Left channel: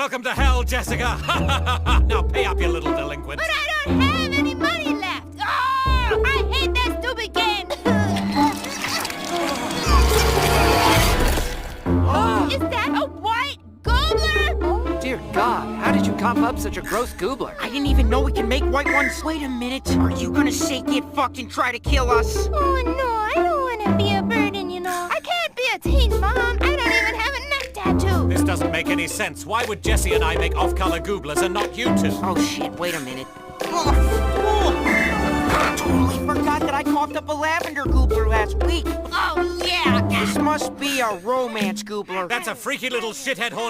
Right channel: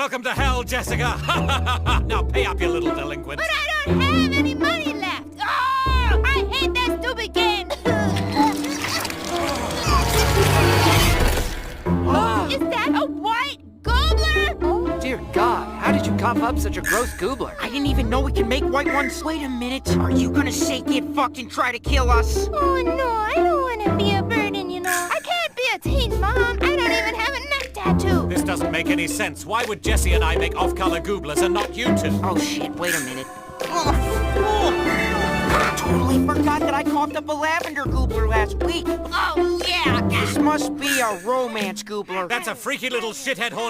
Welcome to hell, Jessica. Now pay up, you little delinquent. But I don't have any money left. Oh, I hate that stupid game. Is that a white gobbler? Dear God, how did you cough up such a gross goobler? I didn't even know we can make white ones. Wait a minute. Are you gonna say get fucked and try to kill us? Oh, no, I don't want to be a burden, you know. I can't be a teen mom. I don't even have a neck tattoo. This doesn't make any sense. Why would Jessie and I make off-color gooblers and not you two? Oh shit, wait a minute. Totally forgot that I coughed up a lavender goobler last week. Oh, yeah. This must be a romance goobler. That's a freaky little shithead horny